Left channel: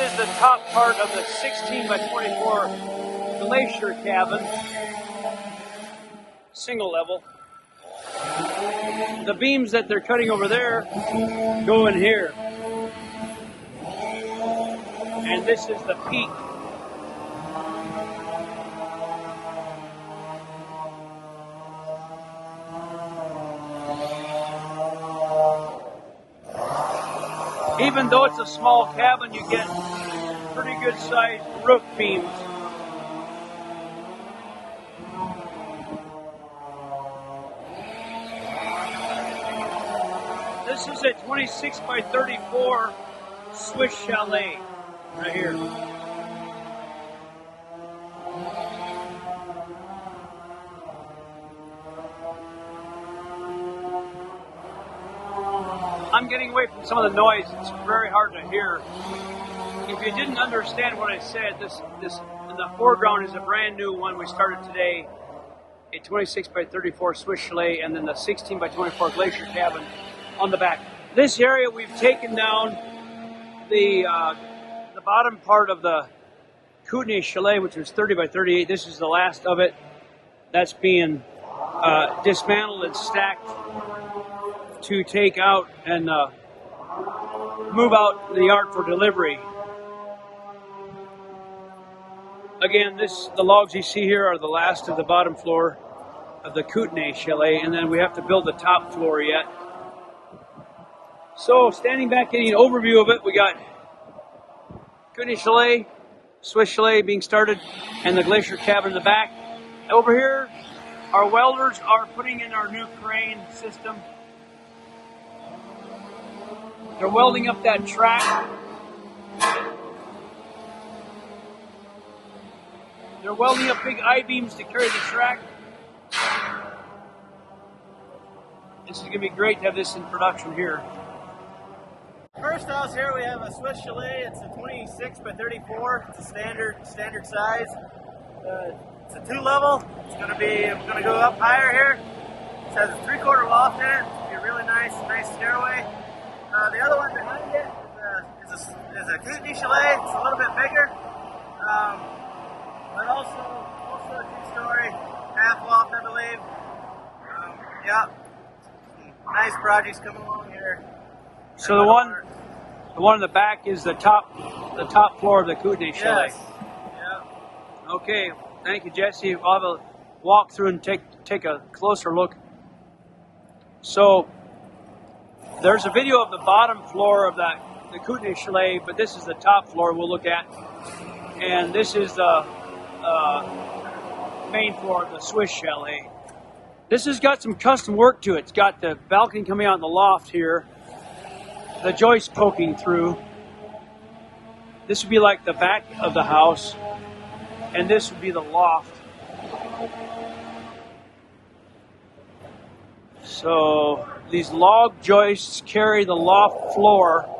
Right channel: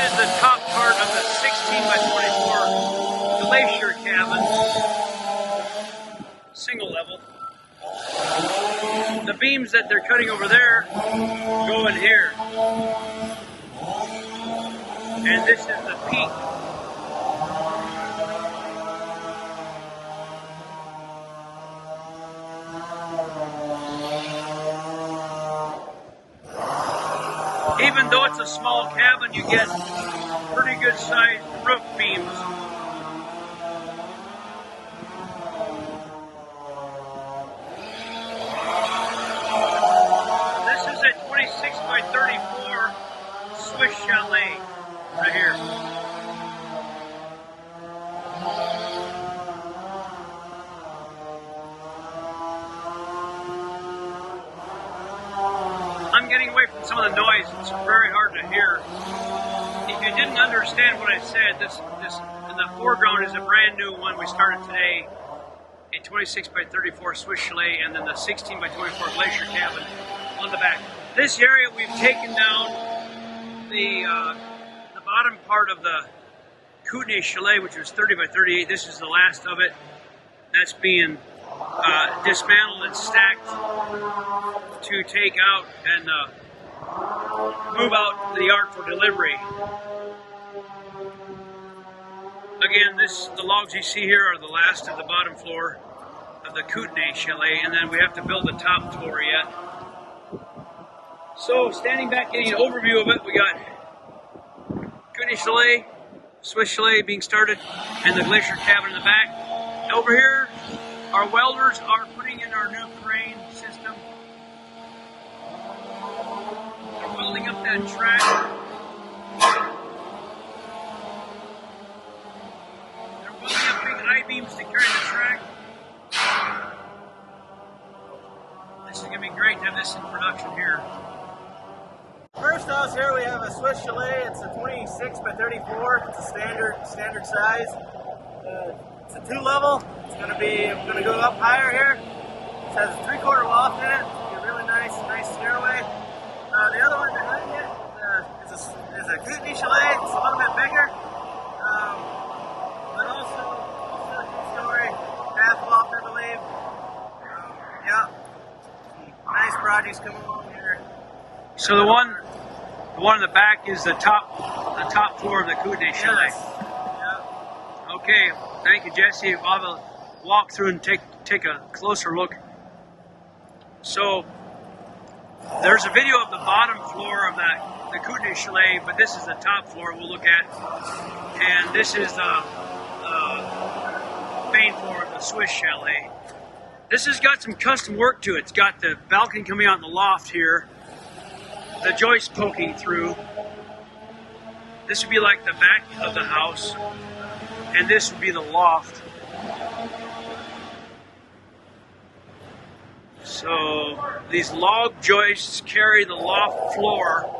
is the top part of the 16 by 24 glacier cabin, single level. The beams that they're cutting over there go in here. And this is the peak. Even though it's a small cabin, you get pretty good sized roof beams. This is a 26 by 34 Swiss chalet right here. I'm getting away from some of the noise. It's very hard to hear. If you didn't understand what I said, this in the foreground is a brand new one we started today, a 26 by 34 Swiss chalet, and then the 16 by 24 glacier cabin on the back. This area we've taken down the bottom part of the Kootenai chalet, which was 30 by 38. This is the last of it. That's being dismantled and stacked to take out and move out the yard for delivery. Again, the logs you see here are the last of the bottom floor of the Kootenai chalet, and then we have to build the top floor yet. So, standing back, getting an overview of it, we got Kootenai chalet, Swiss chalet being started, and the glacier cabin in the back. Over here, our welders are putting in our new crane system. They're welding up that track. They're welding up big I-beams to carry the track. This is going to be great to have this in production here. First house here we have a Swiss chalet. It's a 26 by 34. It's a standard size. It's a 2-level. We're going to go up higher here. It has a 3/4 loft in it. It's going to be a really nice stairway. The other one behind it is a Kootenai chalet. It's a little bit bigger, but also a 2-story half loft, I believe. Yeah, nice projects coming along here. So the one in the back is the top floor of the Kootenai chalet. Yes. Yep. Okay, thank you, Jesse. I'll have a walk through and take a closer look. So there's a video of the bottom floor of the Kootenai chalet, but this is the top floor we'll look at, and this is the main floor of the Swiss chalet. This has got some custom work to it. It's got the balcony coming out in the loft here, the joist poking through. This would be like the back of the house, and this would be the loft. So these log joists carry the loft floor.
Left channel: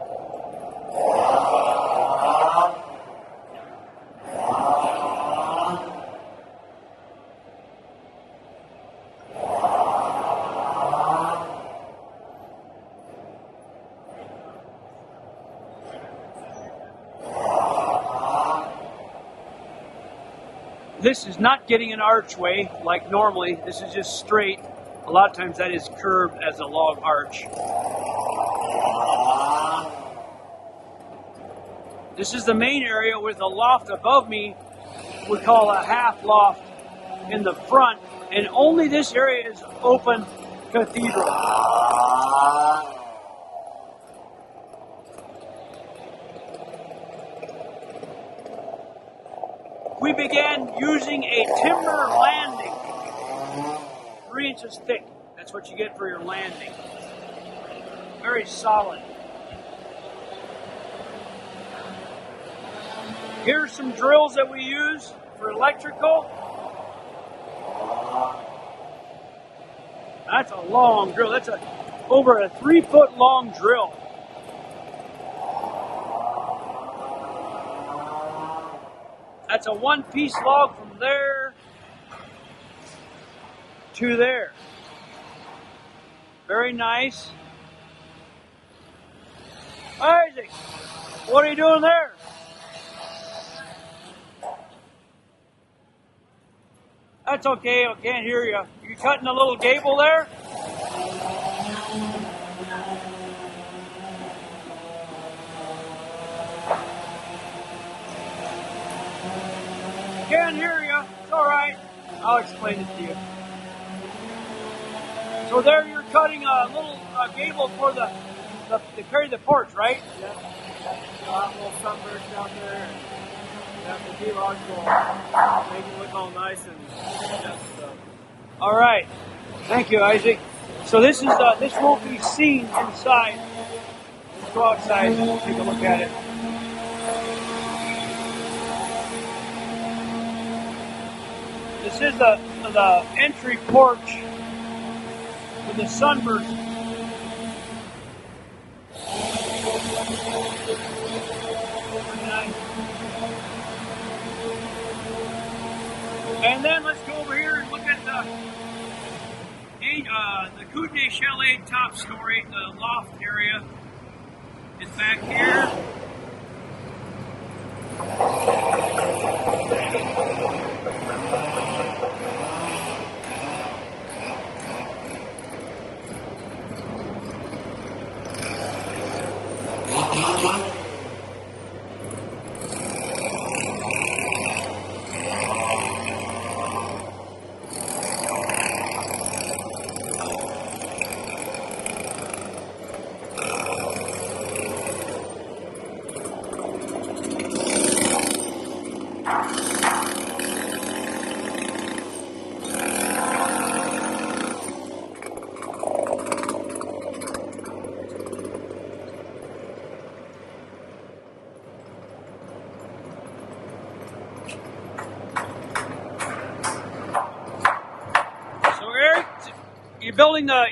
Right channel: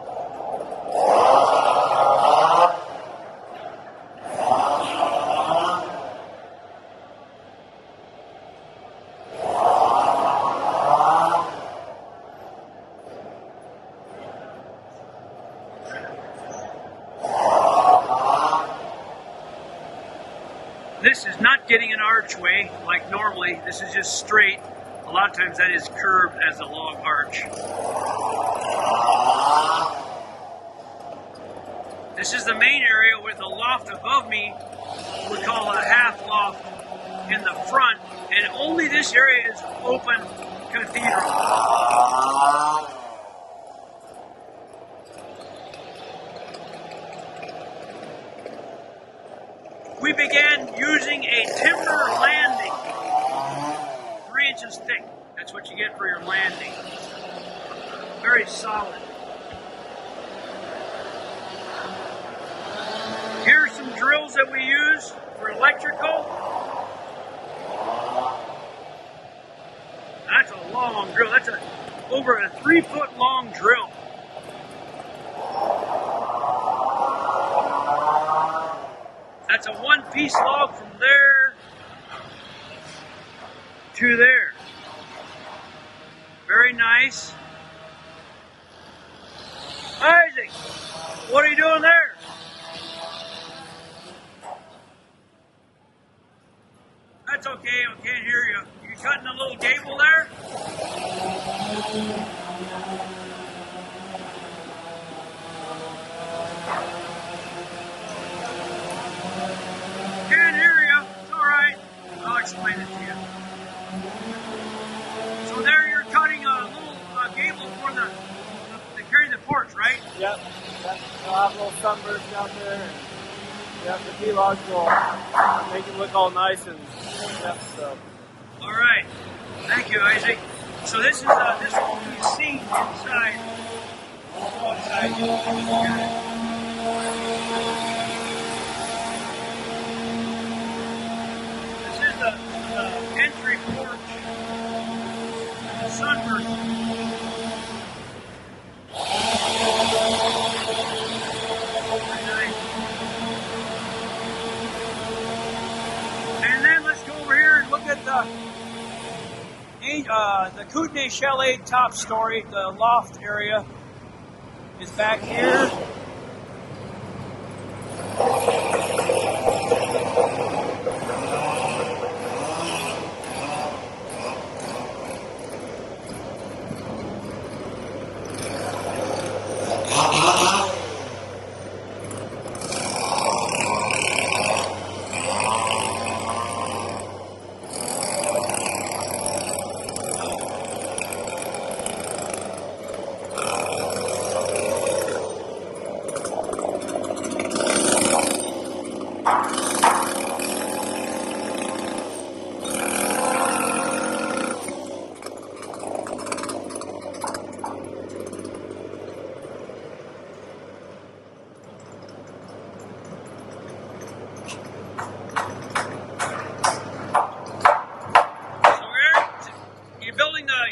This is not getting an archway like normally. This is just straight. A lot of times that is curved as a log arch. This is the main area with a loft above me. We call a half loft in the front, and only this area is open cathedral. We began using a timber landing, 3 inches thick. That's what you get for your landing. Very solid. Here's some drills that we use for electrical. That's a long drill. That's over a 3-foot long drill. That's a one-piece log from there to there. Very nice. Isaac, what are you doing there? That's okay. I can't hear you. You cutting a little gable there? Can't hear you. It's all right. I'll explain it to you. So there you're cutting a little gable for the to carry the porch, right? Yep. You'll have little sunbursts out there, and the D-logs will make it look all nice and so. All right. Thank you, Isaac. So this won't be seen inside. Let's go outside and take a look at it. This is the entry porch to the sunburst. Very nice. And then let's go over here and look at the Yellowstone Chalet top story. The loft area is back here.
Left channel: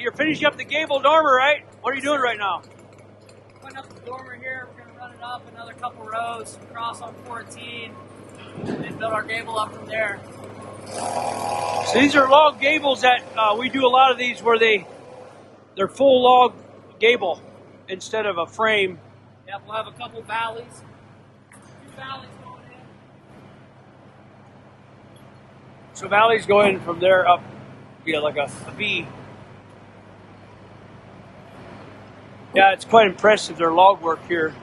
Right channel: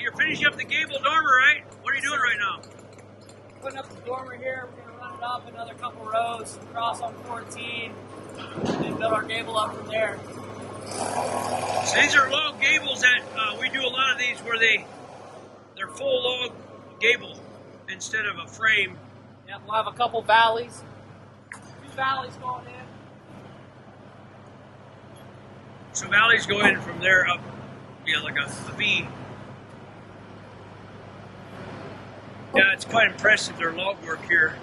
You're finishing up the gable dormer, right? What are you doing right now? Putting up the dormer here. We're going to run it up another couple rows, cross on 14, and build our gable up from there. So these are log gables that we do a lot of these where they're full log gable instead of a frame. Yeah, we'll have a couple valleys. 2 valleys going in. So valleys go in from there up, like a V. Yeah, it's quite impressive, their log work here.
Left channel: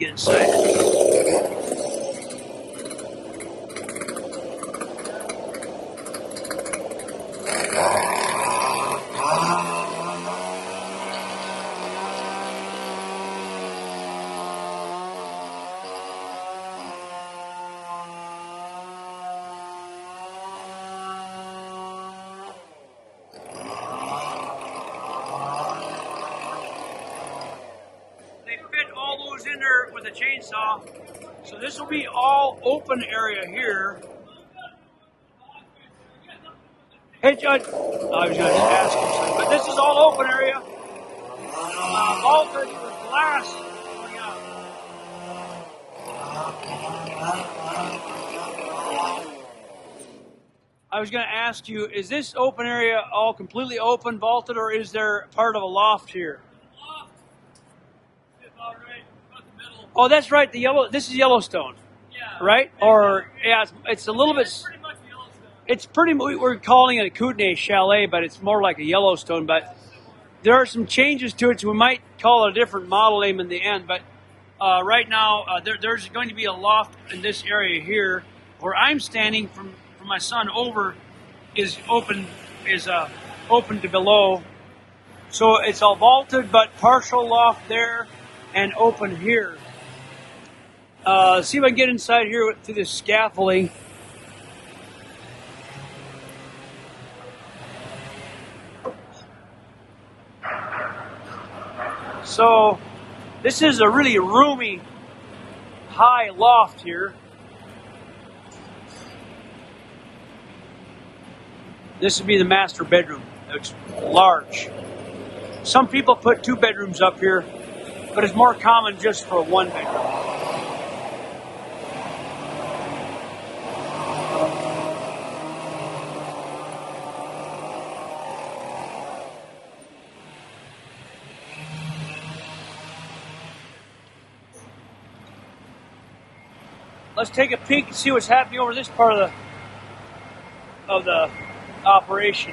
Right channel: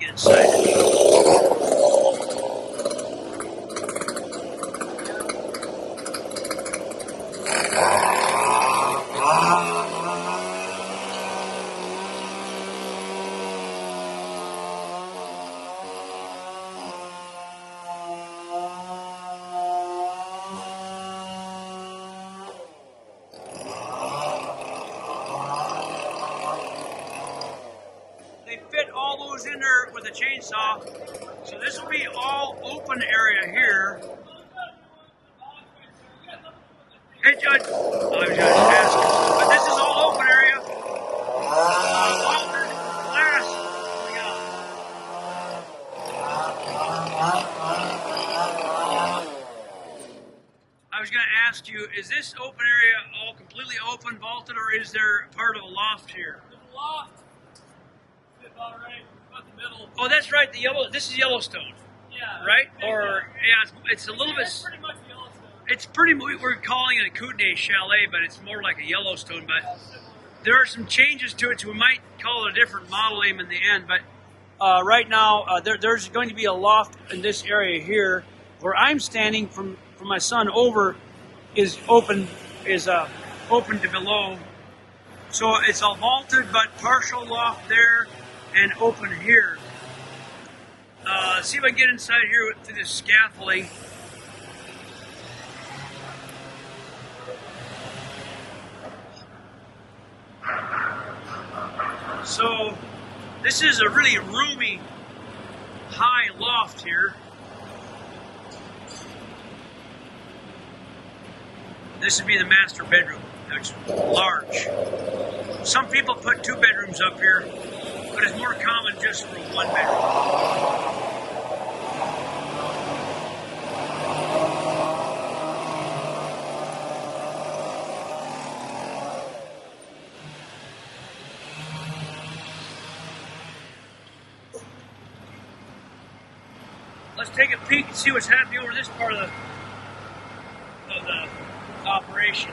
Get inside. In there with a chainsaw, so this will be all open area here. Hey, Judge, I was going to ask, but this is all open area. Vaulted glass coming out. I was going to ask you, is this open area all completely open, vaulted, or is there part of a loft here? Loft. About right. Oh, that's right. This is Yellowstone, right? Or it's a little bit. Pretty much Yellowstone. It's pretty. We're calling it a Kootenai Chalet, but it's more like a Yellowstone. But there are some changes to it, so we might call it a different model name in the end. But right now, there's going to be a loft in this area here, where I'm standing from my son over, is open to below. So it's all vaulted, but partial loft there and open here. See if I can get inside here through this scaffolding. So this is a really roomy, high loft here. This would be the master bedroom. It's large. Some people put 2 bedrooms up here, but it's more common just for 1 bedroom. Let's take a peek and see what's happening over this part of of the operation.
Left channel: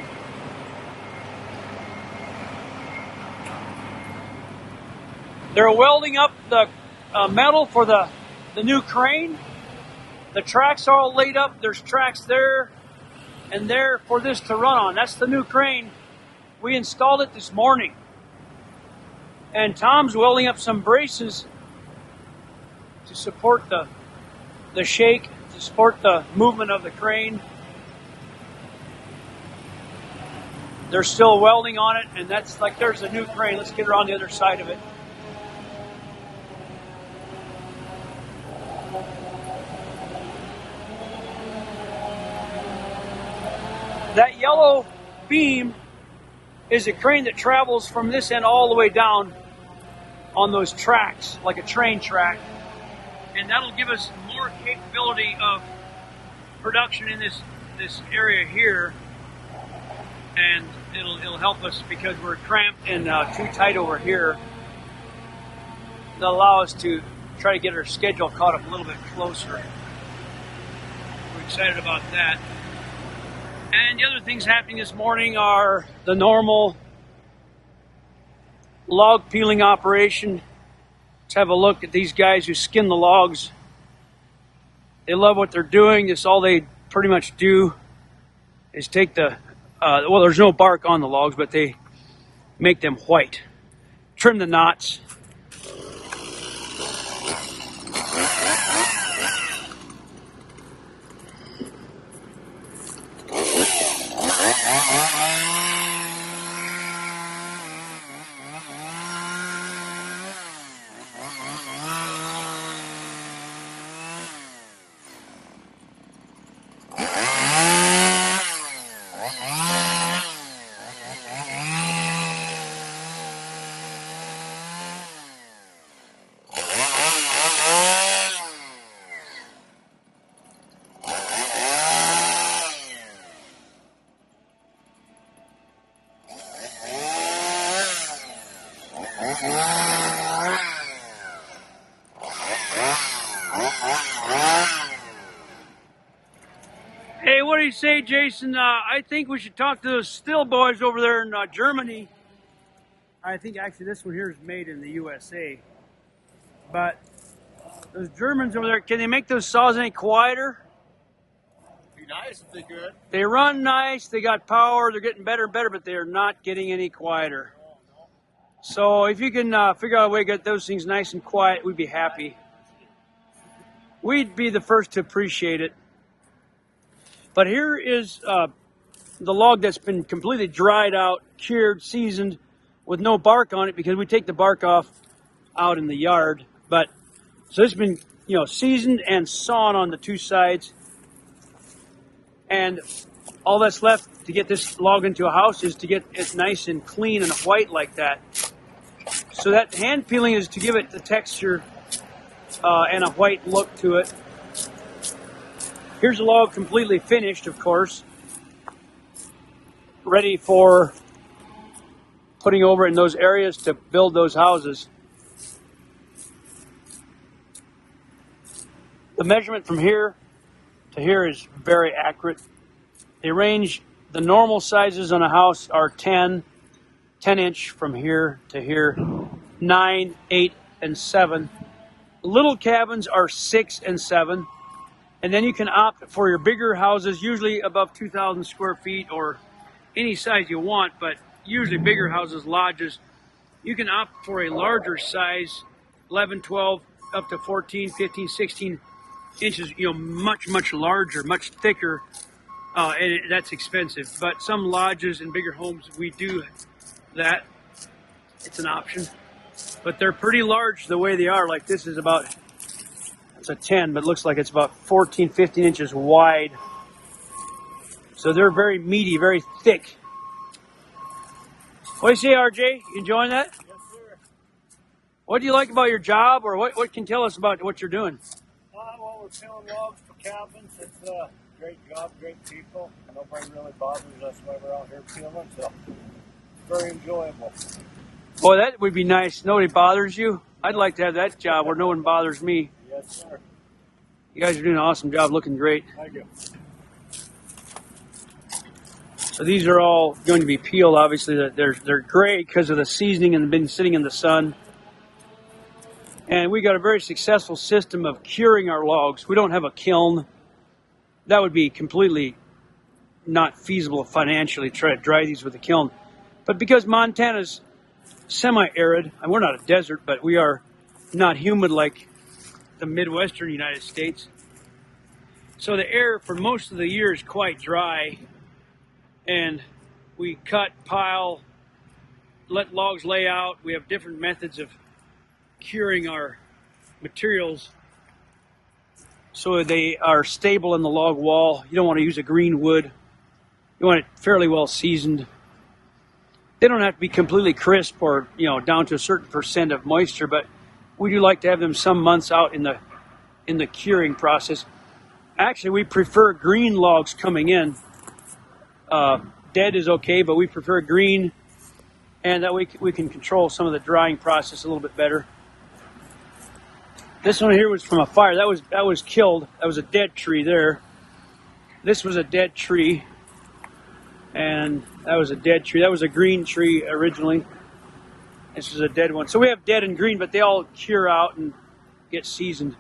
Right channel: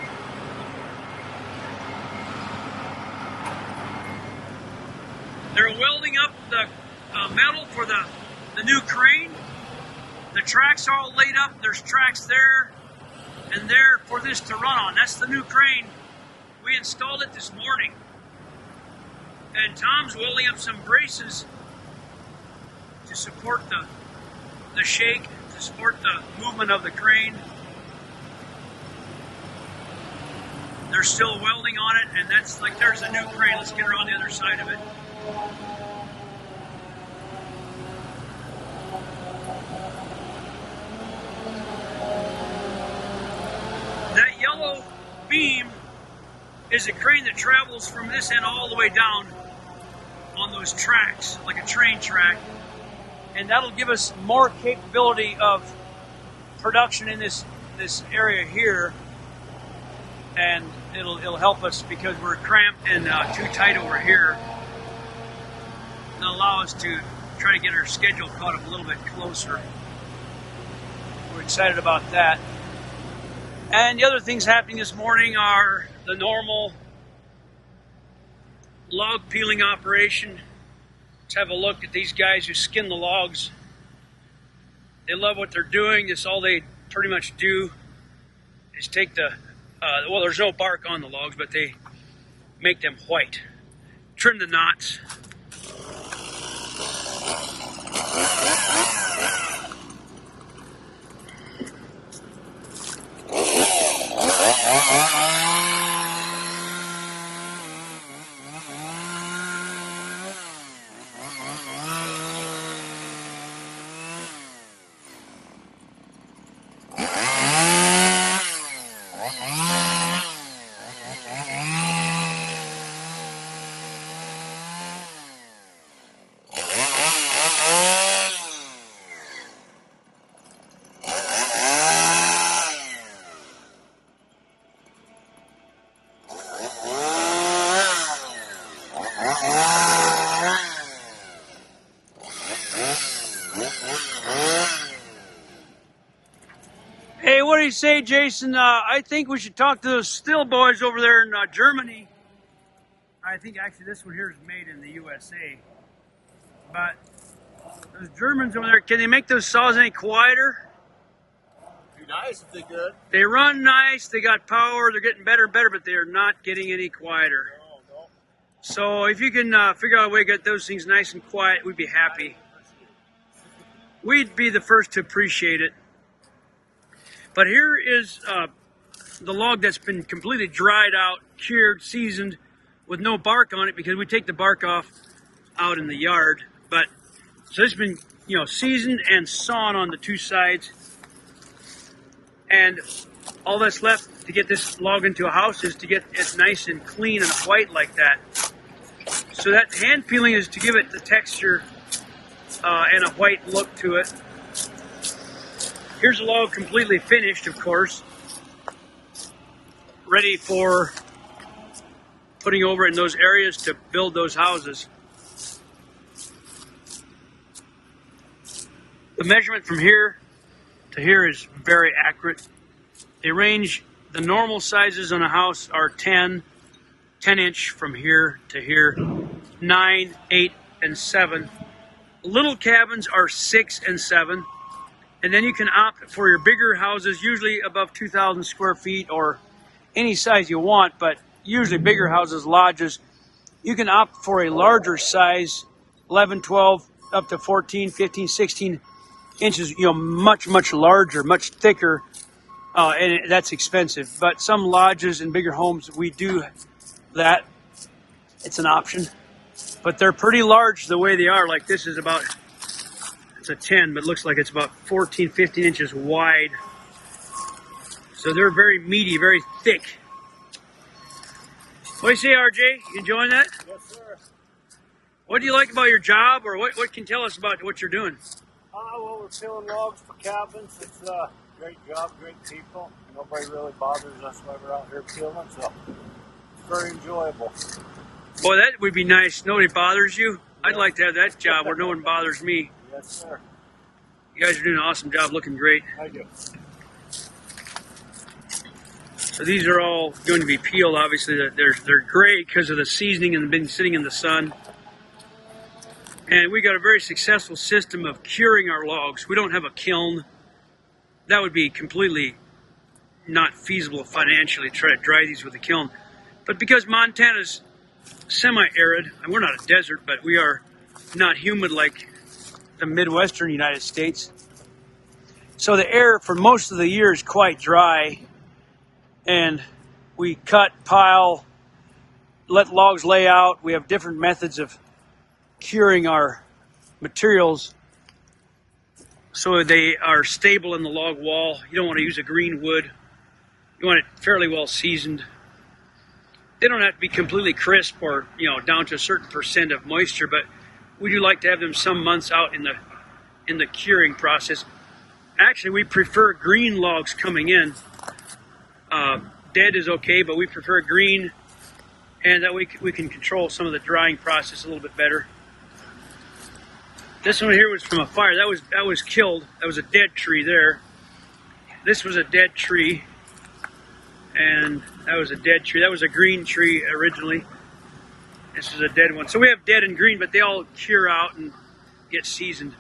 They're welding up the metal for the new crane. The tracks are all laid up. There's tracks there and there for this to run on. That's the new crane. We installed it this morning. And Tom's welding up some braces to support the shake, to support the movement of the crane. They're still welding on it, and that's like, there's a new crane. Let's get her on the other side of it. That yellow beam is a crane that travels from this end all the way down on those tracks, like a train track. And that'll give us more capability of production in this area here. And it'll help us because we're cramped and too tight over here. It'll allow us to try to get our schedule caught up a little bit closer. We're excited about that. And the other things happening this morning are the normal log peeling operation. Let's have a look at these guys who skin the logs. They love what they're doing. It's all they pretty much do is take the, well, there's no bark on the logs, but they make them white. Trim the knots. Hey, what do you say, Jason? I think we should talk to those Still boys over there in Germany. I think actually this one here is made in the USA. But those Germans over there, can they make those saws any quieter? Be nice if they could. They run nice, they got power, they're getting better and better, but they are not getting any quieter. No. So if you can figure out a way to get those things nice and quiet, we'd be happy. We'd be the first to appreciate it. But here is the log that's been completely dried out, cured, seasoned, with no bark on it because we take the bark off out in the yard. But so it's been, seasoned and sawn on the two sides. And all that's left to get this log into a house is to get it nice and clean and white like that. So that hand peeling is to give it the texture and a white look to it. Here's a log completely finished, of course, ready for putting over in those areas to build those houses. The measurement from here to here is very accurate. They range, the normal sizes on a house are 10 inch from here to here, 9, 8, and 7. Little cabins are 6 and 7. And then you can opt for your bigger houses, usually above 2,000 square feet or any size you want, but usually bigger houses, lodges. You can opt for a larger size, 11, 12, up to 14, 15, 16 inches, much, much larger, much thicker, and that's expensive. But some lodges and bigger homes, we do that. It's an option. But they're pretty large the way they are. Like this is about... It's a 10, but it looks like it's about 14, 15 inches wide. So they're very meaty, very thick. What do you say, RJ? You enjoying that? Yes, sir. What do you like about your job, or what can you tell us about what you're doing? Well, we're peeling logs for cabins. It's a great job, great people. Nobody really bothers us while we're out here peeling, so it's very enjoyable. Boy, that would be nice. Nobody bothers you. I'd like to have that job where no one bothers me. Yes, sir. You guys are doing an awesome job, looking great. Thank you. So these are all going to be peeled. Obviously, they're gray because of the seasoning and been sitting in the sun. And we got a very successful system of curing our logs. We don't have a kiln. That would be completely not feasible financially to try to dry these with a kiln. But because Montana's semi-arid, and we're not a desert, but we are not humid like the Midwestern United States. So the air for most of the year is quite dry. And we cut, pile, let logs lay out. We have different methods of curing our materials so they are stable in the log wall. You don't want to use a green wood. You want it fairly well seasoned. They don't have to be completely crisp or, you know, down to a certain percent of moisture, but we do like to have them some months out in the curing process. Actually, we prefer green logs coming in. Dead is okay, but we prefer green, and that we can control some of the drying process a little bit better. This one here was from a fire. That was killed. That was a dead tree there. This was a dead tree, and that was a dead tree. That was a green tree originally. This is a dead one. So we have dead and green, but they all cure out and get seasoned.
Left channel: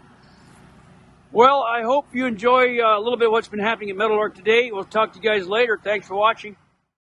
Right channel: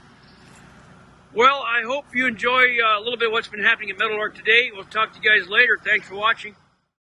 Well, I hope you enjoy a little bit of what's been happening at Meadowlark today. We'll talk to you guys later. Thanks for watching.